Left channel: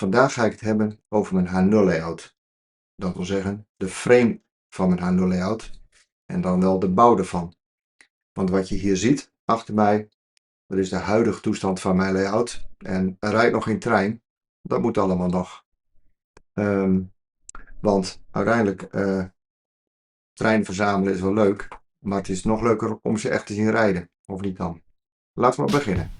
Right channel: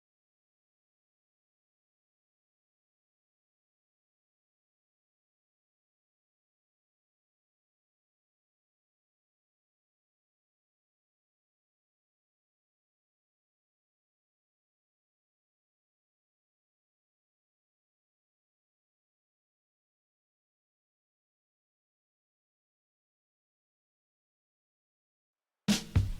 Vandaag ga ik het hebben over mijn H0 layout. Dat wil zeggen de frame van mijn H0 layout en dan wel de bouw ervan. Want wat je hier ziet achter mij, dat is de huidige toestand van mijn layout. En er rijdt nog geen trein. Dat moet allemaal nog. Want uiteindelijk, trein verzamelen is wel leuk. Maar het is nog leuker om ze echt te zien rijden. Of niet dan? Laten we maar beginnen.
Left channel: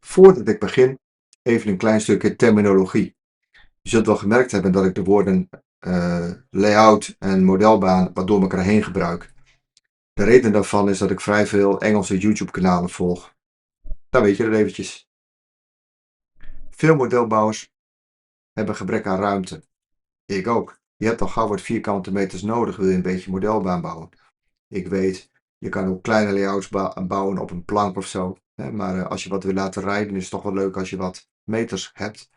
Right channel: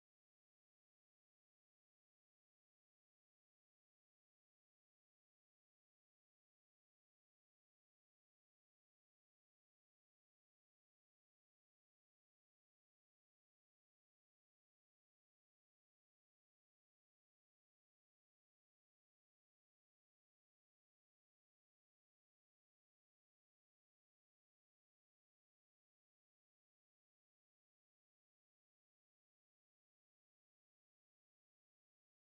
Voordat ik begin, even een klein stukje terminologie. Je zult wel gemerkt hebben dat ik de woorden layout en modelbaan wat door elkaar heen gebruik. De reden daarvan is dat ik vrij veel Engelse YouTube-kanalen volg. Dan weet je dat eventjes. Veel modelbouwers hebben gebrek aan ruimte. Ik ook. Je hebt al gauw wat vierkante meters nodig, wil je een beetje modelbaan bouwen. Ik weet, je kan ook kleine layouts bouwen op een plank of zo. Maar als je wat wil laten rijden, is het toch wel leuk als je wat meters hebt.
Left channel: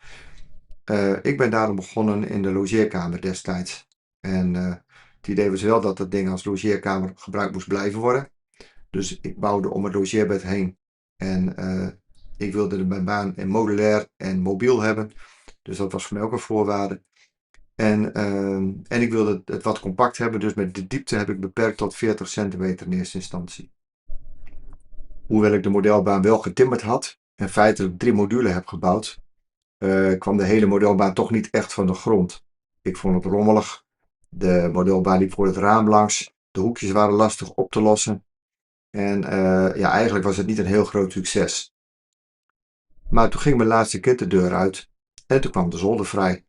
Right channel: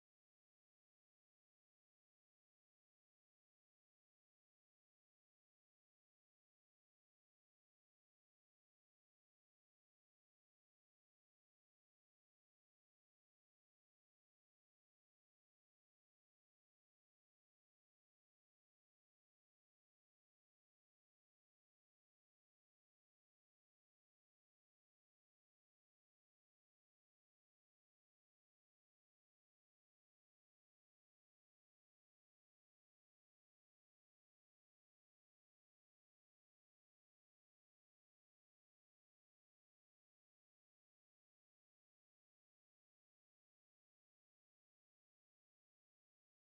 Ik ben daarom begonnen in de logeerkamer destijds. En het idee was wel dat dat ding als logeerkamer gebruikt moest blijven worden. Dus ik bouwde om het logeerbed heen. En ik wilde mijn baan modulair en mobiel hebben. Dus dat was voor mij ook een voorwaarde. En ik wilde het wat compact hebben, dus met de diepte heb ik beperkt tot 40 centimeter in eerste instantie. Hoewel ik de modelbaan wel getimmerd had en feitelijk 3 modulen heb gebouwd, kwam de hele modelbaan toch niet echt van de grond. Ik vond het rommelig. De modelbaan liep voor het raam langs. De hoekjes waren lastig op te lossen. En ja, eigenlijk was het niet een heel groot succes. Maar toen ging mijn laatste kind de deur uit en toen kwam de zolder vrij.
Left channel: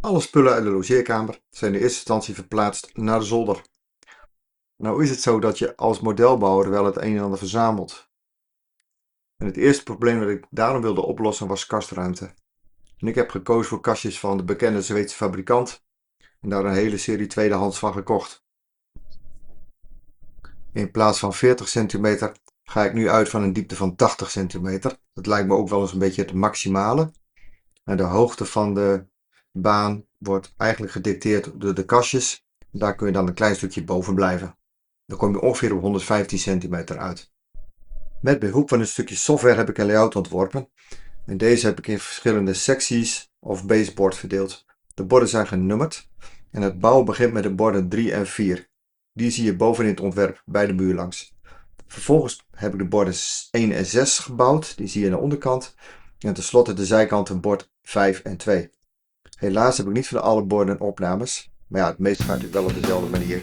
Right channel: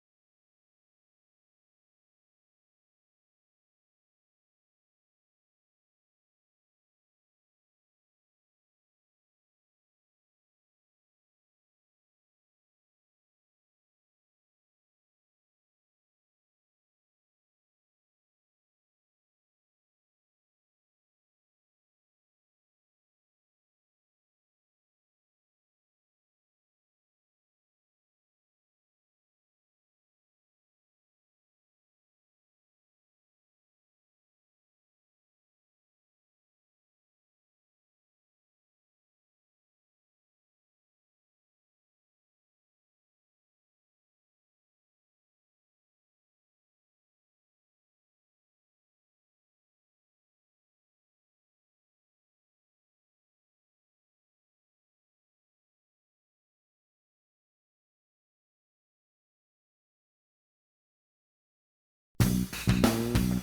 Alle spullen uit de logeerkamer zijn in eerste instantie verplaatst naar de zolder. Nou is het zo dat je als modelbouwer wel het een en ander verzamelt. En het eerste probleem dat ik daarom wilde oplossen was kastruimte. En ik heb gekozen voor kastjes van de bekende Zweedse fabrikant en daar een hele serie tweedehands van gekocht. In plaats van 40 centimeter ga ik nu uit van een diepte van 80 centimeter. Dat lijkt me ook wel eens een beetje het maximale. En de hoogte van de baan wordt eigenlijk gedicteerd door de kastjes. Daar kun je dan een klein stukje boven blijven. Dan kom je ongeveer op 115 centimeter uit. Met behulp van een stukje software heb ik een layout ontworpen. En deze heb ik in verschillende secties of baseboard verdeeld. De borden zijn genummerd. En het bouwen begint met de borden 3 en 4. Die zie je bovenin het ontwerp bij de muur langs. Vervolgens heb ik de borden 1 en 6 gebouwd. Die zie je aan de onderkant. En tenslotte de zijkanten bord 5 en 2. Helaas heb ik niet van alle borden opnames. Maar ja, het meeste gaat natuurlijk wel op dezelfde manier.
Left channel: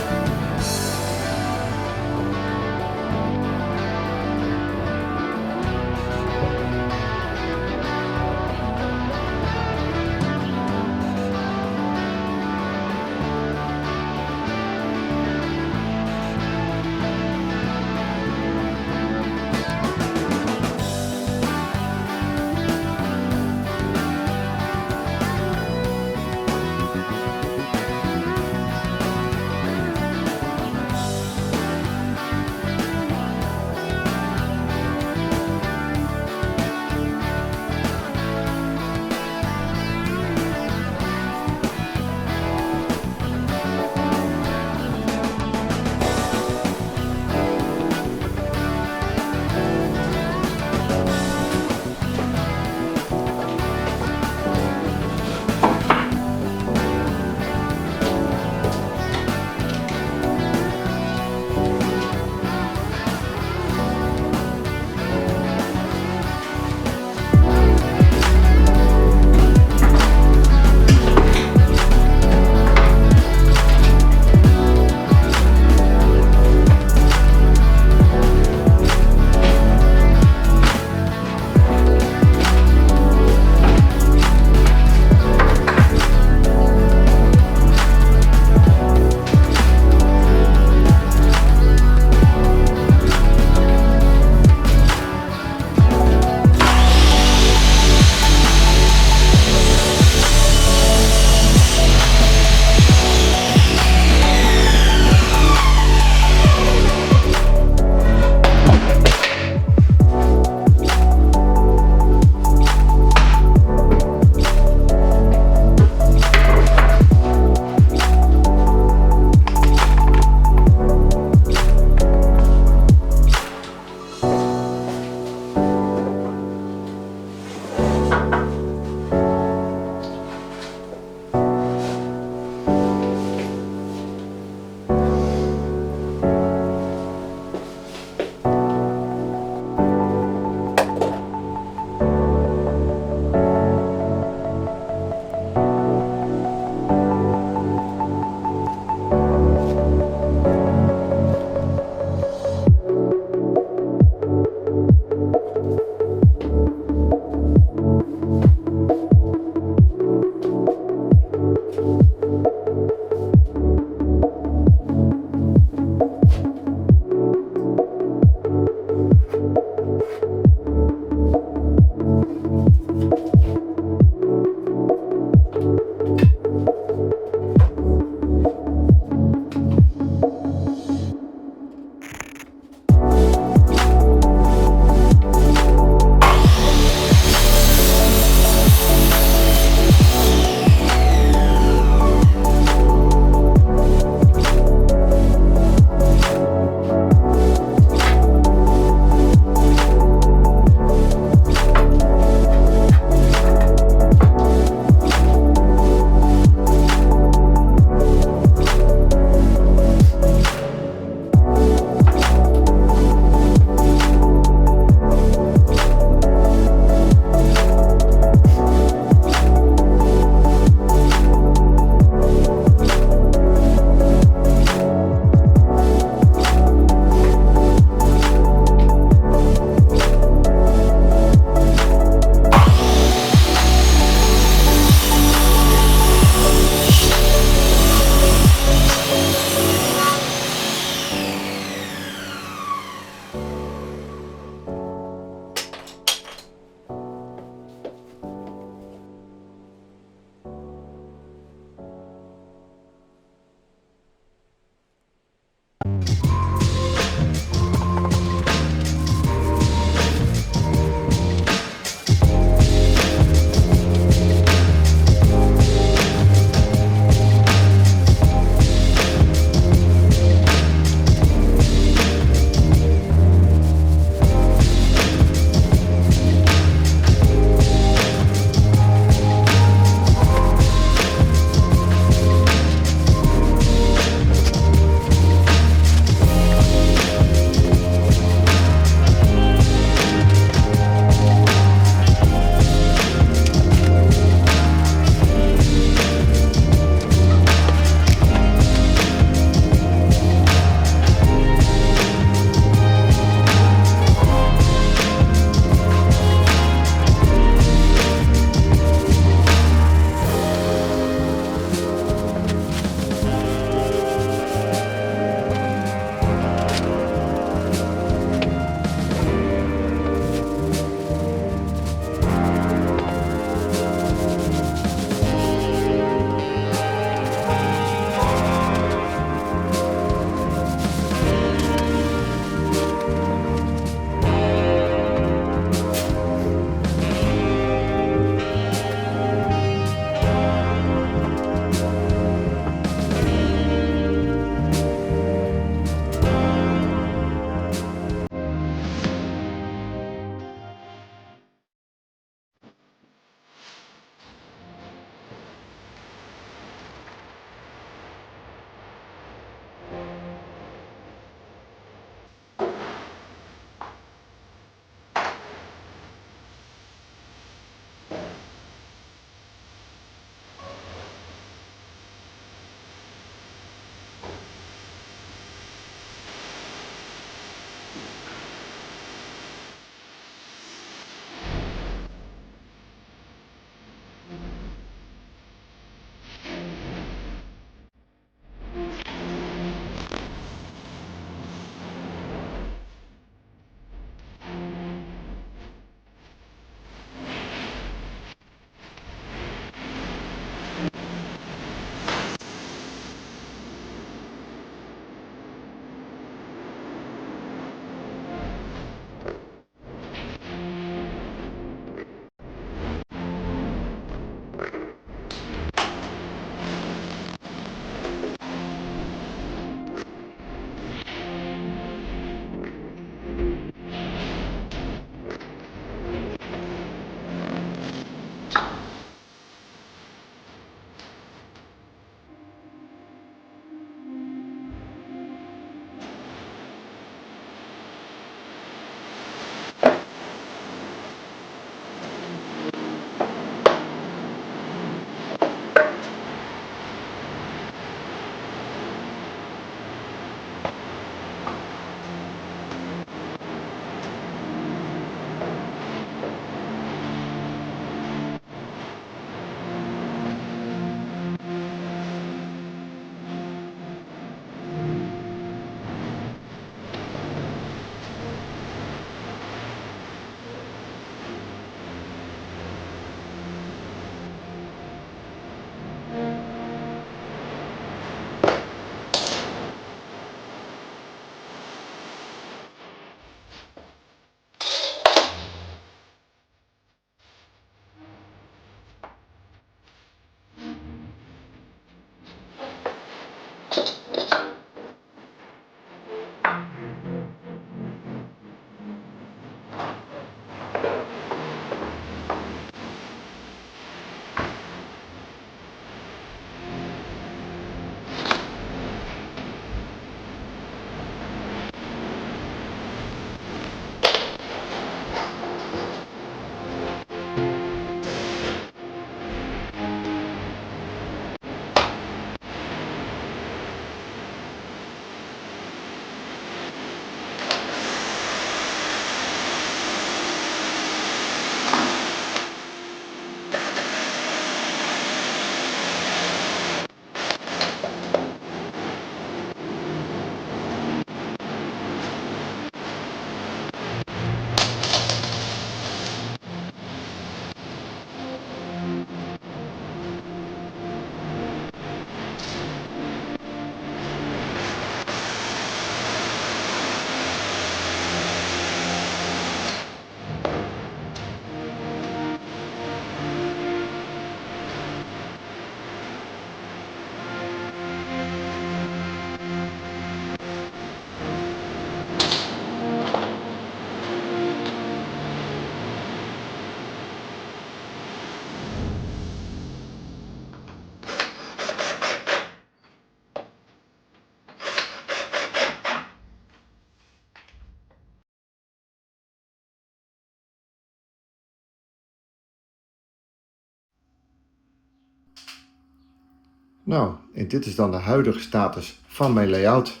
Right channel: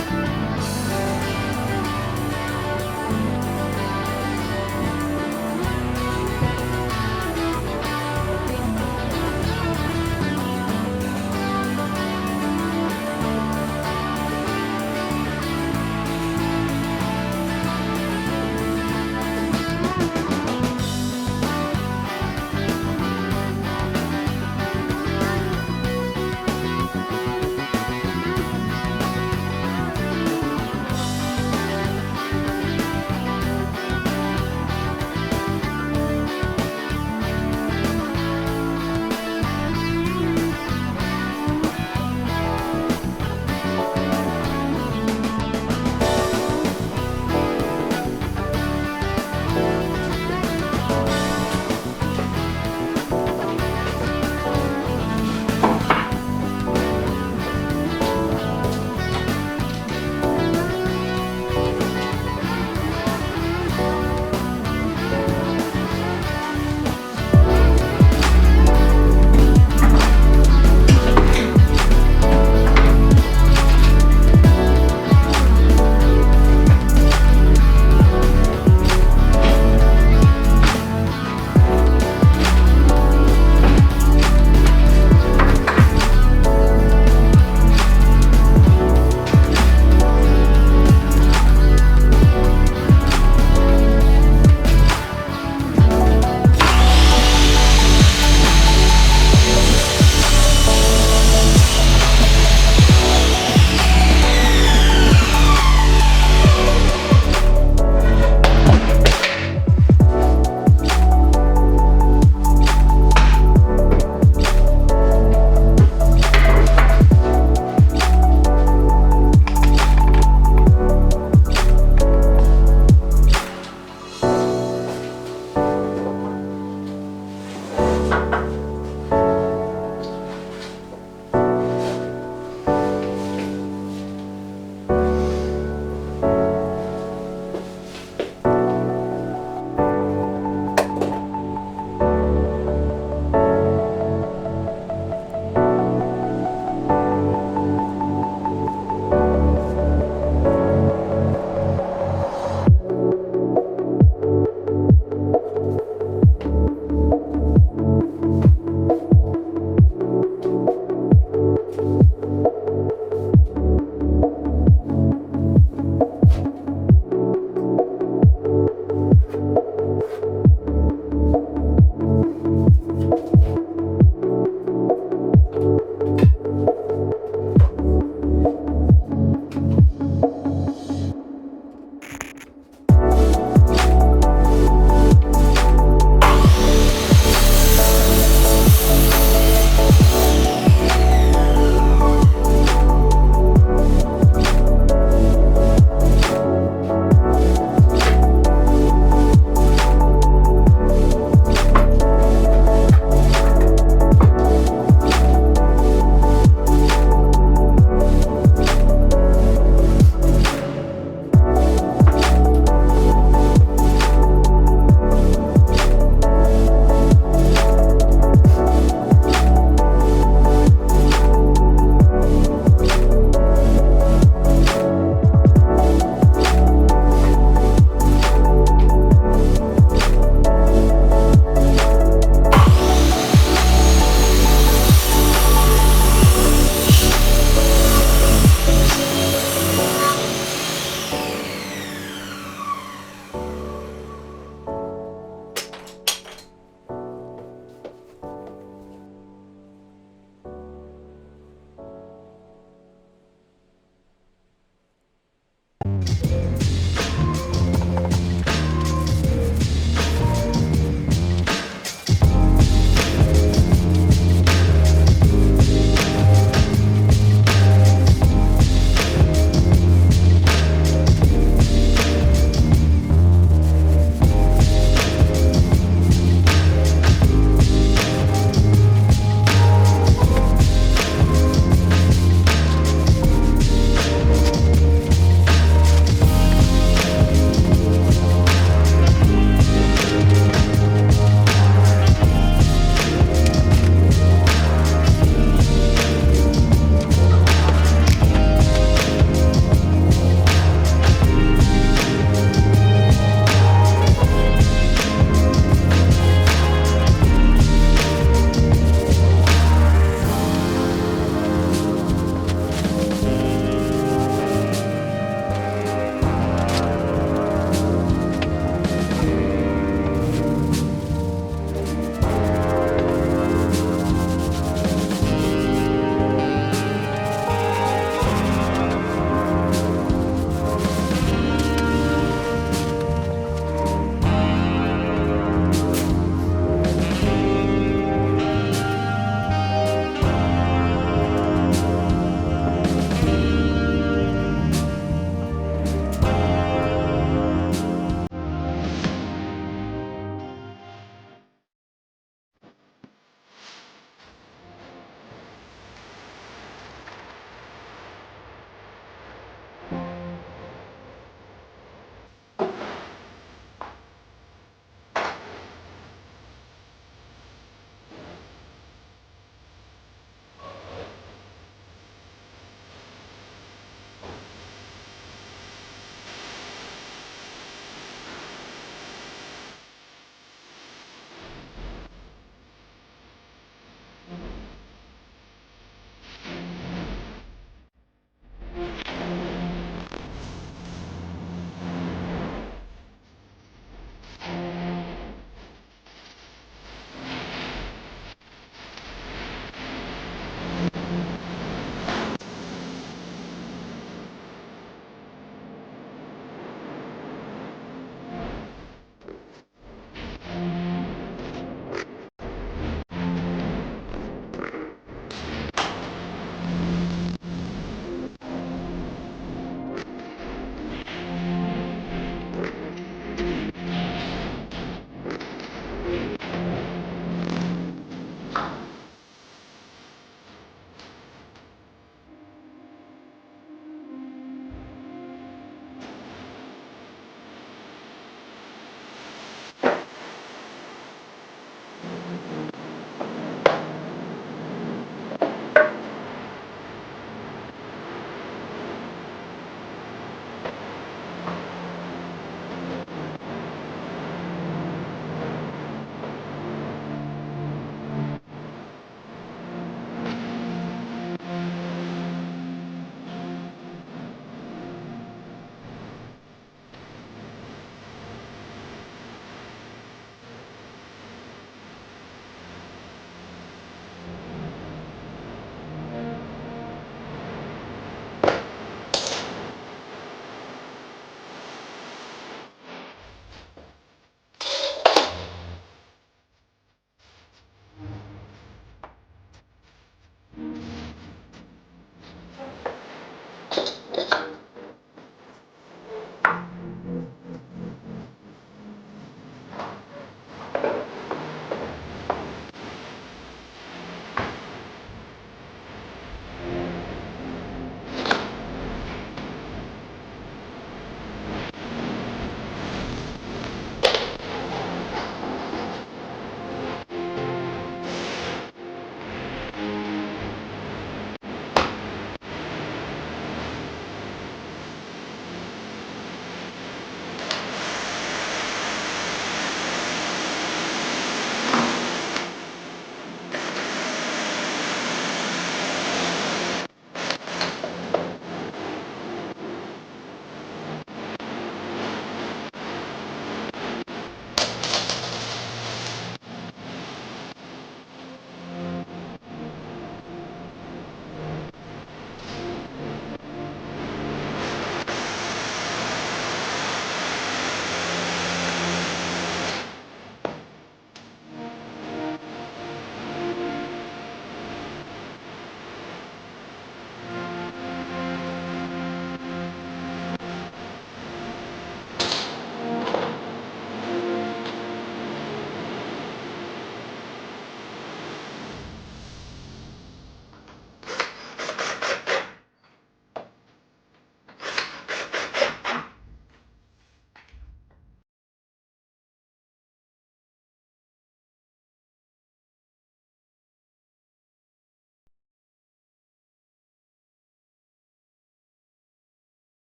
Nou, en dit is dan de huidige status van mijn layout.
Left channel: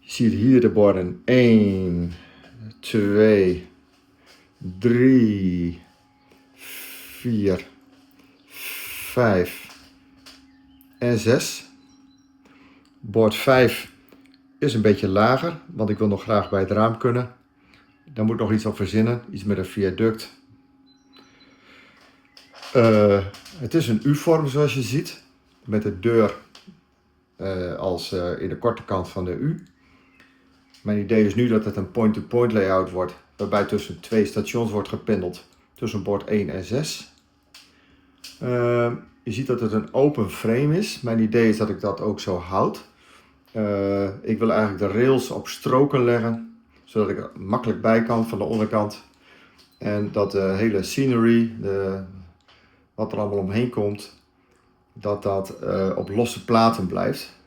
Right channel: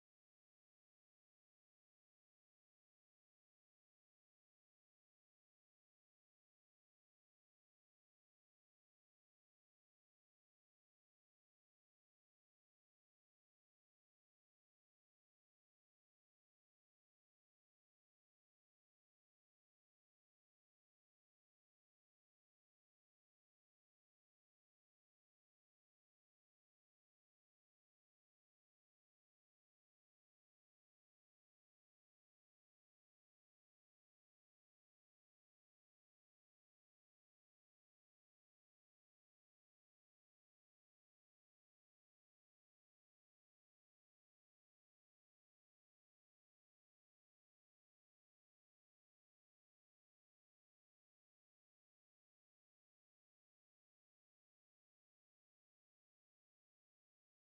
Je ziet hier de borden 1, 2, 3, 4, 5 en 6. Bord 5 is een beetje lager, want ik wil nog graag bij het raam kunnen. Daar moet ik nog iets op verzinnen, iets met een viaduct. Het is een U-vorm zoals je ziet, met de deur als in de korte kant van de U. Mijn idee is nu dat het een point-to-point layout wordt, waarbij tussen 2 stations wordt gependeld, tussen bord 1 en 6. Je ziet dat het een open frame is. Mijn idee is dat ik dat ook zo houd. Ik wil eigenlijk de rails op stroken leggen, zodat ik er makkelijk bij kan van de onderkant. En dat de hele scenery, wat er allemaal omheen komt, dat op losse platen blijft.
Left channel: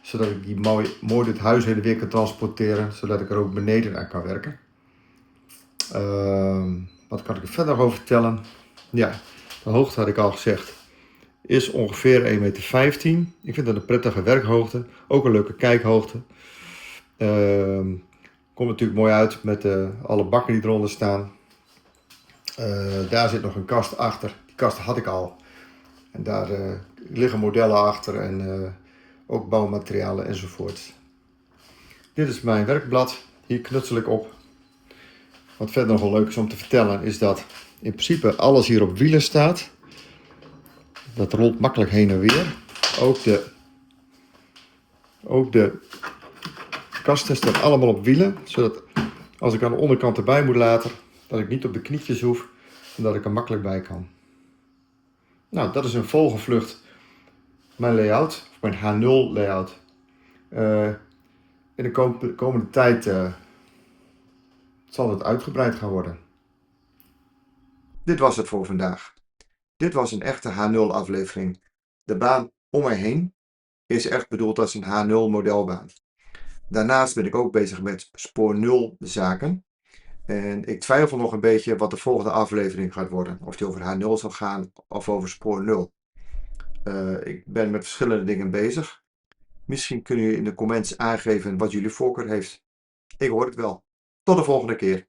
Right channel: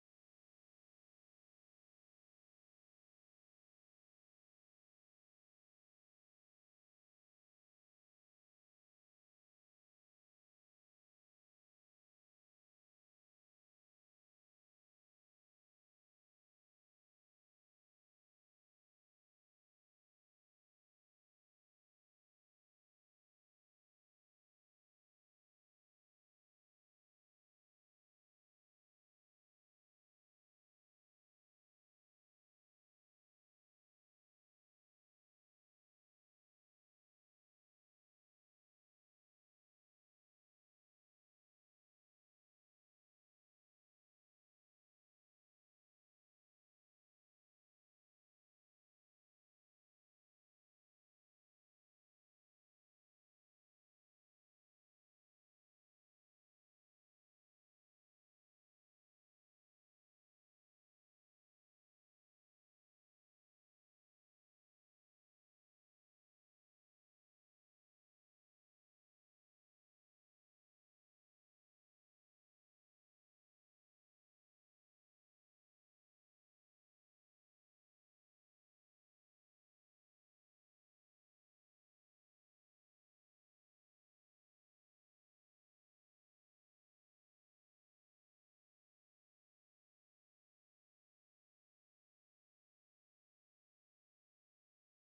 Zodat ik die mooi dit huis heen en weer kan transporteren, zodat ik er ook beneden aan kan werken. Wat kan ik er verder over vertellen? Ja, de hoogte had ik al gezegd, is ongeveer 1,15 meter. Ik vind dat een prettige werkhoogte, ook een leuke kijkhoogte. Komt natuurlijk mooi uit met alle bakken die eronder staan. Daar zit nog een kast achter, die kast had ik al. En daar liggen modellen achter en ook bouwmaterialen enzovoort. Dit is mijn werkblad, hier knutsel ik op. Wat verder nog wel leuk is om te vertellen is dat in principe alles hier op wielen staat. Dat rolt makkelijk heen en weer. Ook de kasten staan allemaal op wielen, zodat als ik aan de onderkant erbij moet laten, dat ik niet op de knietjes hoef en dat ik er makkelijk bij kan. Nou, dat is een volgevlucht mijn layout, of mijn H0 layout. In de komende tijd zal het uitgebreid gaan worden. Dit was het voor vandaag. Dit was een echte H0 aflevering. De baan om mij heen is echt bedoeld als een H0 modelbaan. Daarnaast ben ik ook bezig met spoor 0 zaken. En ik twijfel nog een beetje wat de volgende aflevering gaat worden. Of die over H0 zal gaan of over spoor 0. Ik ben met verschillende dingen bezig. Misschien kunnen jullie in de comments aangeven wat jullie voorkeur heeft. Ik hoor het wel. Tot de volgende keer.